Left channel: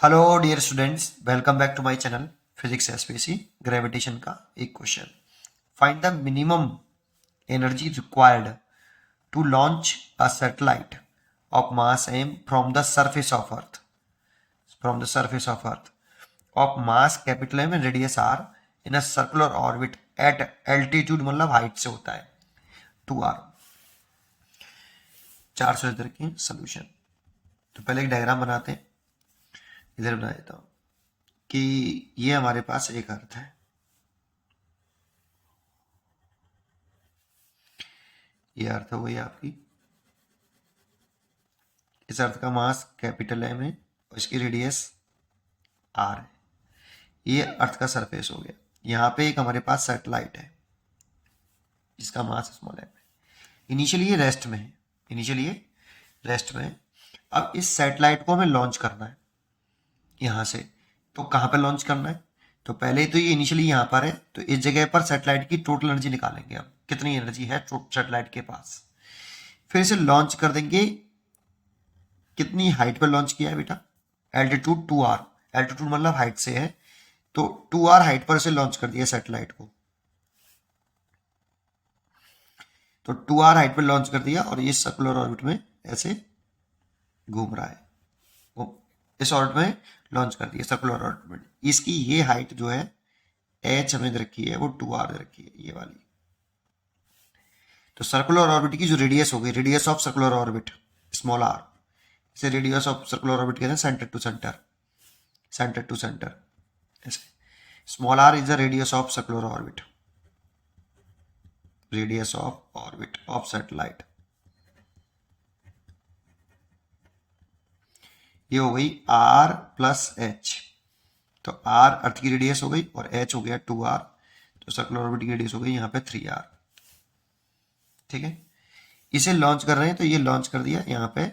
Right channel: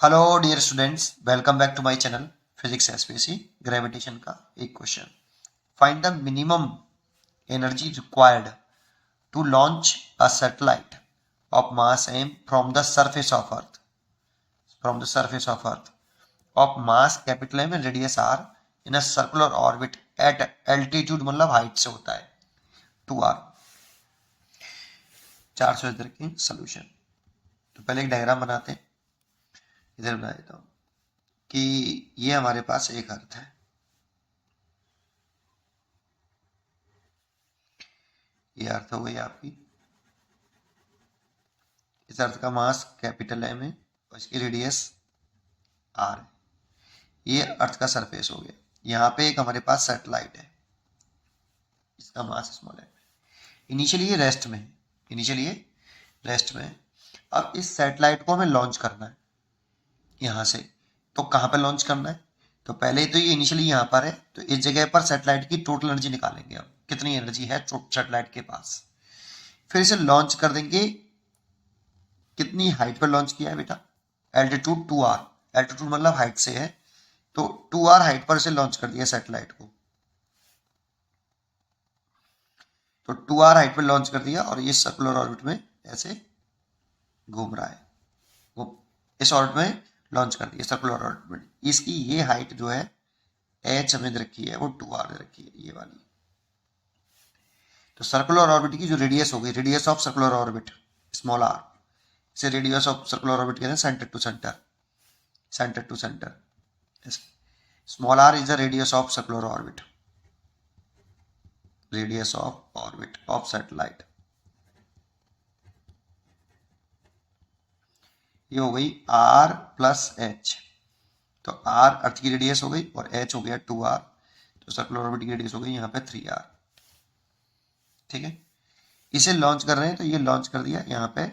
Hello dear students, welcome back to my channel physics SPC. Gravitation का एक question. Find the minimum energy required to launch a satellite of mass m from the surface of earth of mass capital M and radius r in a circular orbit at altitude, मतलब height से होता है 2r। 400 metre की solution. तो पहले एक diagram बनाते हैं। इधर बना देता हूँ कि ये हमारे पास एक अर्थ है। ये अर्थ हो गई आपकी। इस अर्थ का मास कैपिटल M है और इसकी रेडियस r है। ये अर्थ का सरफेस हो गया। यहाँ पे एक हमारे पास सैटेलाइट है, इसका मास स्मॉल m है। इनिशियली ये रेस्ट में है, अब इस सैटेलाइट को हमें लॉन्च करना है यहाँ से। तो कहाँ पे लॉन्च करना है? तो पहले तो ये इनिशियली यहाँ पर है, तो इस जगह पर सैटेलाइट की टोटल एनर्जी निकालेंगे। अब कितनी एनर्जी है सैटेलाइट के पास, फिर इसे लॉन्च कर देंगे। कितनी हाइट पर लॉन्च किया है बेटा? Altitude 2r। एल्टीट्यूड मतलब हाइट से है, तो 2r हाइट पर से लॉन्च कर दिया सैटेलाइट को। तो 2r हाइट पर लॉन्च कर दिया और ये सर्कुलर ऑर्बिट में ऐसे घूम रहा है। वो इस ऑर्बिट में लॉन्च कर दिया, सर्कुलर ऑर्बिट में। इसकी ये हाइट जो है h हमें दे रखी है, वो 2r दे रखी है, ये वाली। तो सर्कुलर ऑर्बिट की जो रेडियस हो गई, radius of circular orbit small r, इसे रेडियस ऑफ सर्कुलर ऑर्बिट कहते हैं सेंटर टू सेंटर। ऐसे small r is the radius of circular orbit, radius of orbit of satellite. ये हो गई r प्लस एच। तो r अर्थ की रेडियस हो गई और h हो गया 2r। तो सर्कुलर ऑर्बिट की रेडियस हो गई यहाँ पे 3r। ठीक है, इसे लॉन्च कर रहे हैं, तो ये लॉन्च कर दिया। यहाँ पे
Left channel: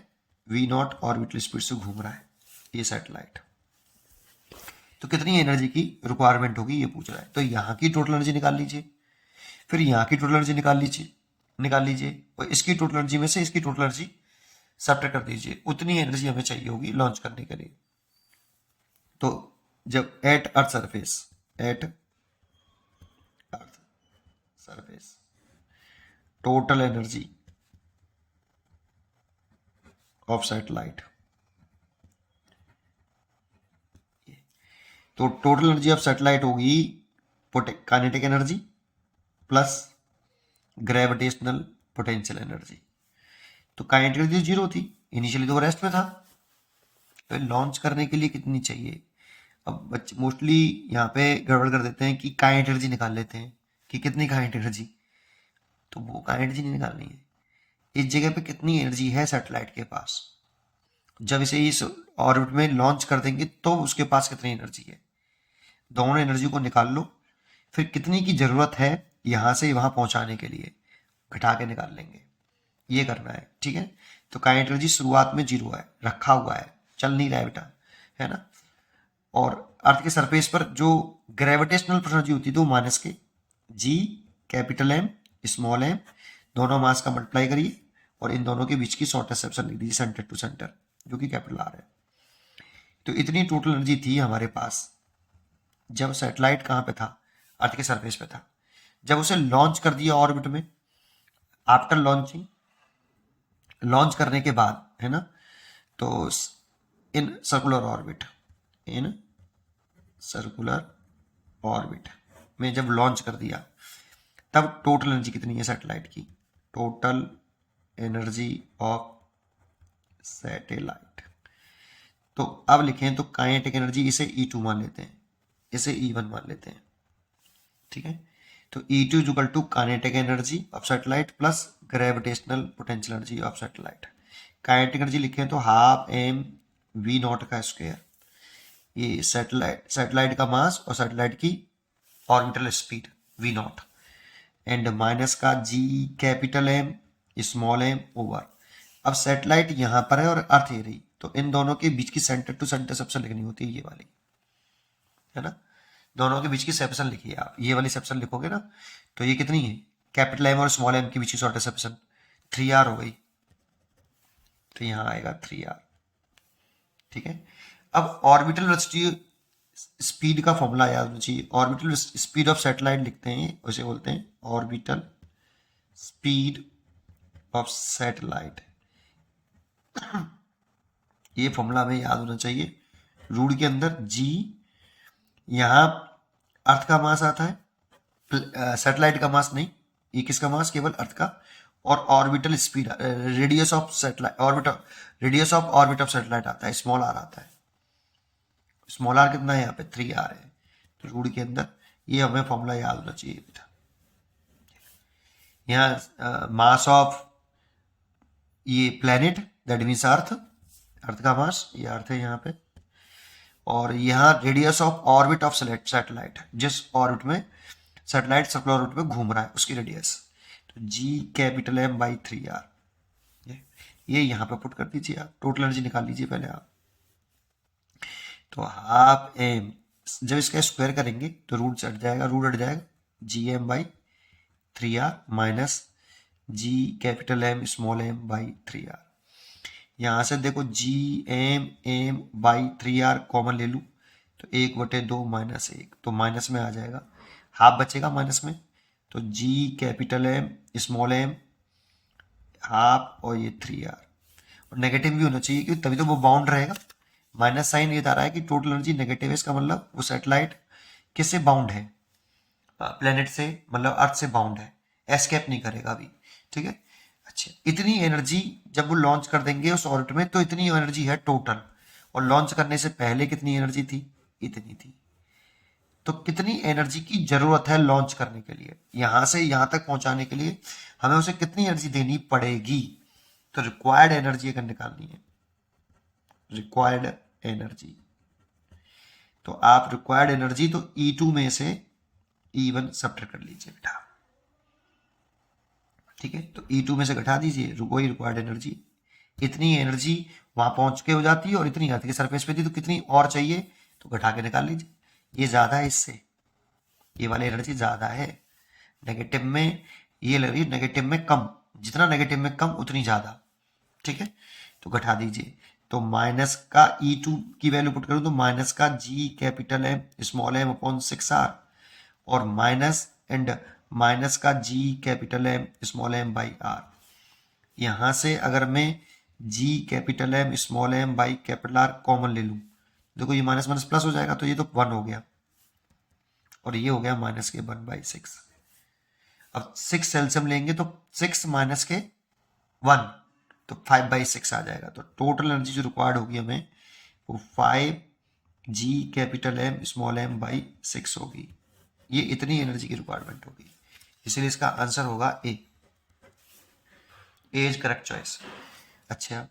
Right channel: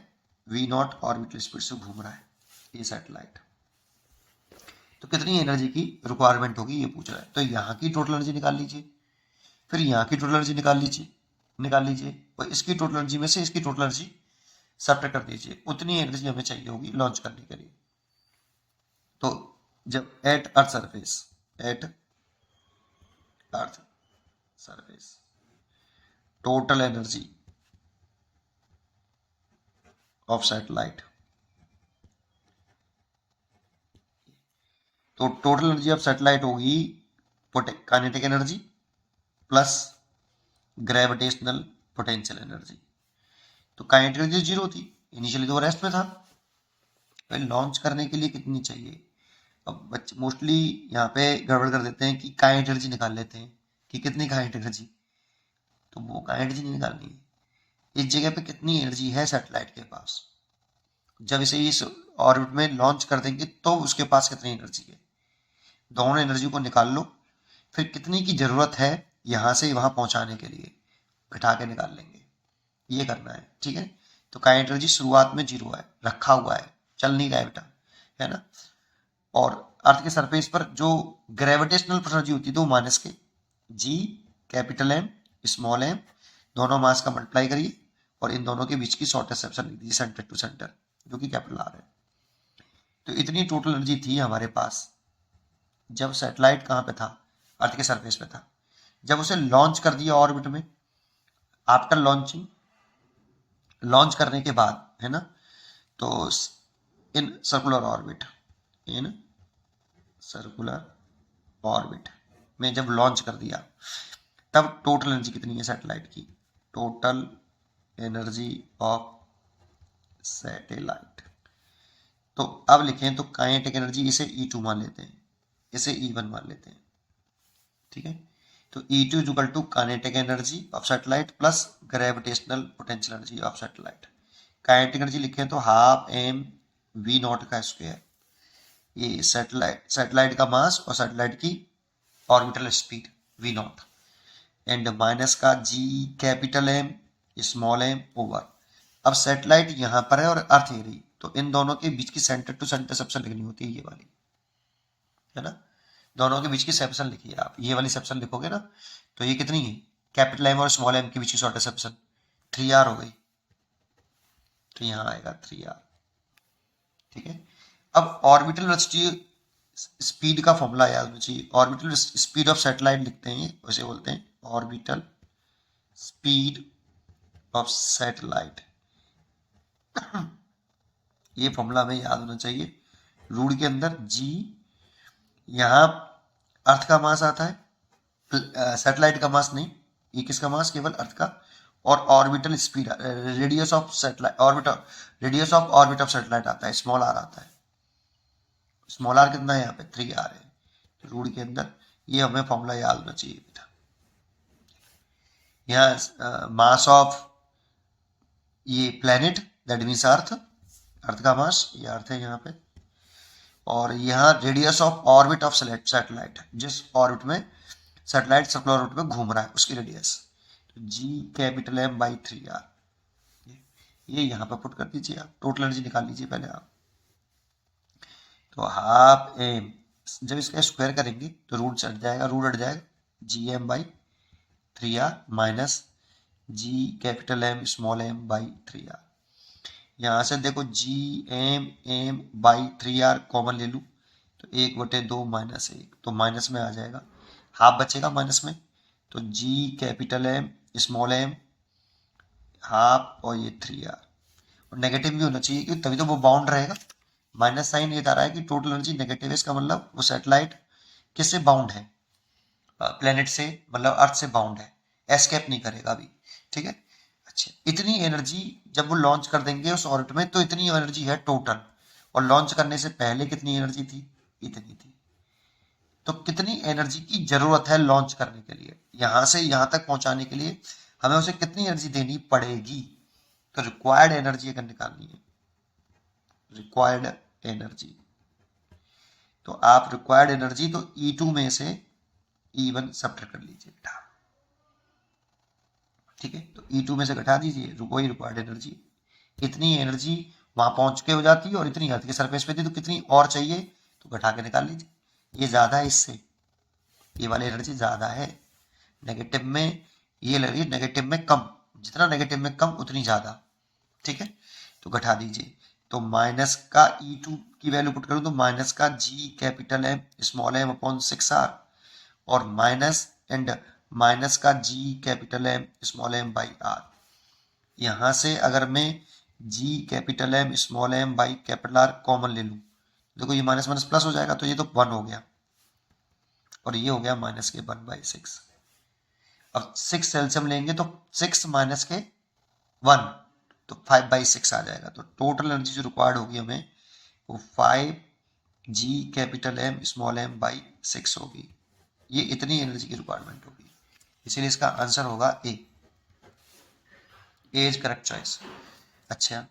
v0 ऑर्बिटल स्पीड से घूम रहा है ये सैटेलाइट। तो कितनी एनर्जी की रिक्वायरमेंट होगी ये पूछ रहा है। तो यहाँ की टोटल एनर्जी निकाल लीजिए, फिर यहाँ की टोटल एनर्जी निकाल लीजिए और इसकी टोटल एनर्जी में से इसकी टोटल एनर्जी सब्ट्रैक्ट कर दीजिए। उतनी एनर्जी हमें चाहिए होगी लॉन्च करने के लिए। तो जब at earth surface total energy of satellite, तो टोटल एनर्जी ऑफ सैटेलाइट होगी kinetic energy plus gravitational potential energy. तो काइनेटिक एनर्जी 0 थी, इनिशियली तो रेस्ट में था। तो लॉन्च करने के लिए कितनी चाहिए? अब बच्चे मोस्टली यहाँ पे गड़बड़ कर देते हैं कि काइनेटिक एनर्जी निकाल लेते हैं कि कितनी काइनेटिक एनर्जी। तो वो काइनेटिक एनर्जी नहीं निकालनी है। इस जगह पे कितनी एनर्जी है सैटेलाइट के पास, जब इसे इस ऑर्बिट में लॉन्च कर देंगे तो उसके पास कितनी एनर्जी है, दोनों एनर्जी को निकाल लो। फिर कितनी की जरूरत है यहाँ से वहां पहुंचाने के लिए, घटा के निकाल लेंगे। ये करना है, ठीक है। तो काइनेटिक एनर्जी शुरुआत में 0 है, रखा हुआ है, चल नहीं रहा है बेटा, है ना। और अर्थ के सरफेस पर जो ग्रेविटेशनल एनर्जी होती है तो माइनस के जी कैपिटल एम स्मॉल एम, दोनों मास का मल्टीप्लाई करिए और इन दोनों के बीच की शॉर्टेस्ट सेक्शन लिख दीजिए सेंटर टू सेंटर, जो कि कैपिटल आर है। तो इतनी टोटल एनर्जी थी हमारे पास जब सैटेलाइट कहाँ पे था, अर्थ के सरफेस पे था। जब उसे लॉन्च कर दिया ऑर्बिट में, आफ्टर लॉन्चिंग, लॉन्च करने के बाद, है ना, तो in circular orbit, in circular orbit में जब लॉन्च कर दिया, तब टोटल एनर्जी कितनी है सैटेलाइट की? Total energy of satellite. तो अब लिखें तो काइनेटिक एनर्जी, इसे E2 मान लेते हैं, इसे E1 मान लेते हैं, ठीक है। तो E2 is equal to kinetic energy of satellite plus gravitational potential energy of satellite. Kinetic energy लिखें तो हाफ एम वी नॉट का स्क्वायर, ये सैटेलाइट का मास और सैटेलाइट की orbital speed V naught, and minus का G capital M small M over. अब satellite यहाँ पर है और अर्थ ये रही, तो इन दोनों के बीच की सेंटर टू सेंटर सबसे लिखनी होती है ये वाली, है ना। दोनों के बीच की सेपरेशन लिखिए आप, ये वाली सेपरेशन लिखोगे ना, तो ये कितनी है? कैपिटल एम और स्मॉल एम के बीच की शॉर्टेस्ट सेपरेशन 3r हो गई। तो यहाँ आएगा 3r, ठीक है। अब ऑर्बिटल वेलोसिटी स्पीड का फॉर्मूला याद होना चाहिए। ऑर्बिटल स्पीड ऑफ सैटेलाइट लिखते हैं, उसे बोलते हैं ऑर्बिटल स्पीड ऑफ सैटेलाइट। ये फॉर्मूला हमें याद होना चाहिए। रूट के अंदर जी, यहाँ अर्थ का मास आता है, सैटेलाइट का मास नहीं, ये किसका मास, केवल अर्थ का। और orbital speed, radius of satellite, orbital radius of orbit of satellite आता है, स्मॉल आर आता है। स्मॉल आर कितना है यहाँ पे, 3r है। तो रूट के अंदर ये हमें फॉर्मूला याद होना चाहिए बेटा। यहाँ मास ऑफ ये प्लेनेट दैट मीन्स अर्थ, अर्थ का मास, ये अर्थ है यहाँ पे। और यहाँ radius of orbit of satellite, जिस ऑर्बिट में सैटेलाइट सर्कुलर ऑर्बिट में घूम रहा है उसकी रेडियस। तो G capital M by 3r, ये यहाँ पे पुट कर दीजिए आप, टोटल एनर्जी निकाल लीजिए पहले आप। तो हाफ एम, जब इसका स्क्वायर करेंगे तो रूट हट जाएगा, रूट हट जाएगा, GM by 3r minus G capital M small m by 3r। यहाँ से देखो GM बाई 3r कॉमन ले लूँ तो 1/2 माइनस 1, तो माइनस में आ जाएगा, हाफ बचेगा माइनस में। तो G capital M small m half, और ये 3r, और नेगेटिव भी होना चाहिए क्योंकि तभी तो वो बाउंड रहेगा। माइनस साइन ये बता रहा है कि टोटल एनर्जी नेगेटिव है, इसका मतलब वो सैटेलाइट किससे बाउंड है, प्लेनेट से, मतलब अर्थ से बाउंड है, एस्केप नहीं करेगा अभी, ठीक है। अच्छा, इतनी एनर्जी जब वो लॉन्च कर देंगे उस ऑर्बिट में तो इतनी एनर्जी है टोटल, और लॉन्च करने से पहले कितनी एनर्जी थी, इतनी थी। तो कितनी एनर्जी की जरूरत है लॉन्च करने के लिए, यहां से यहां तक पहुंचाने के लिए हमें उसे कितनी एनर्जी देनी पड़ेगी। तो रिक्वायर्ड एनर्जी अगर निकालनी है, रिक्वायर्ड एनर्जी, तो आप रिक्वायर्ड एनर्जी तो E2 में से E1 सब्ट्रैक्ट कर लीजिए बेटा, ठीक है। तो E2 में से घटा दीजिए, वही रिक्वायर्ड एनर्जी। इतनी एनर्जी वहां पहुंच के हो जाती है और इतनी अर्थ के सरफेस पे थी, तो कितनी और चाहिए, तो घटा के निकाल लीजिए। ये ज्यादा है इससे, ये वाली एनर्जी ज्यादा है। नेगेटिव में ये ले रही है, नेगेटिव में कम, जितना नेगेटिव में कम उतनी ज्यादा, ठीक है। तो घटा दीजिए, तो माइनस का E2 की वैल्यू पुट करूं तो माइनस का G capital M small m upon 6r, और माइनस एंड माइनस का G capital M small m by r। यहां से अगर मैं G capital M small m by capital R common ले लूं, देखो ये माइनस माइनस प्लस हो जाएगा, तो ये तो 1 हो गया, और ये हो गया माइनस के 1/6। अब 6 एलसीएम लेंगे तो 6 माइनस के 1, तो 5/6 आ जाएगा। तो टोटल एनर्जी जो रिक्वायर्ड होगी हमें वो 5g capital M small m by 6 होगी। ये इतनी एनर्जी की रिक्वायरमेंट होगी, इसीलिए इसका आंसर होगा ए, ए इज करेक्ट चॉइस। अच्छा,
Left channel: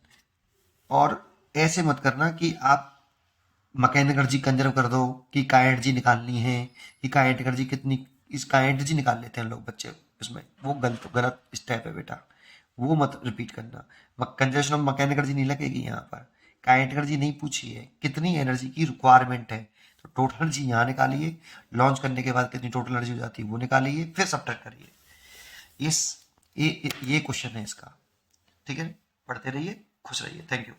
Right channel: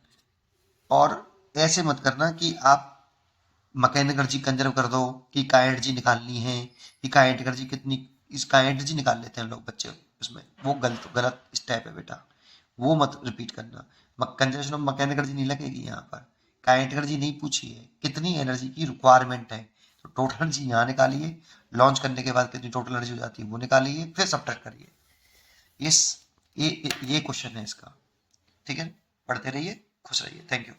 और ऐसे मत करना कि आप मैकेनिकल एनर्जी कंजर्व कर दो कि काइनेटिक एनर्जी निकालनी है, कि काइनेटिक एनर्जी कितनी, इस काइनेटिक एनर्जी निकाल लेते हैं लोग बच्चे उसमें, वो गलत गलत स्टेप है बेटा, वो मत रिपीट करना। कंजर्वेशन ऑफ मैकेनिकल एनर्जी नहीं लगेगी यहाँ पर, काइनेटिक एनर्जी नहीं पूछी है, कितनी एनर्जी की रिक्वायरमेंट है, तो टोटल एनर्जी यहाँ निकालिए, लॉन्च करने के बाद कितनी टोटल एनर्जी हो जाती है वो निकालिए, फिर सब्ट्रैक्ट करिए। इस ये क्वेश्चन है इसका, ठीक है। पढ़ते रहिए, खुश रहिए, थैंक यू।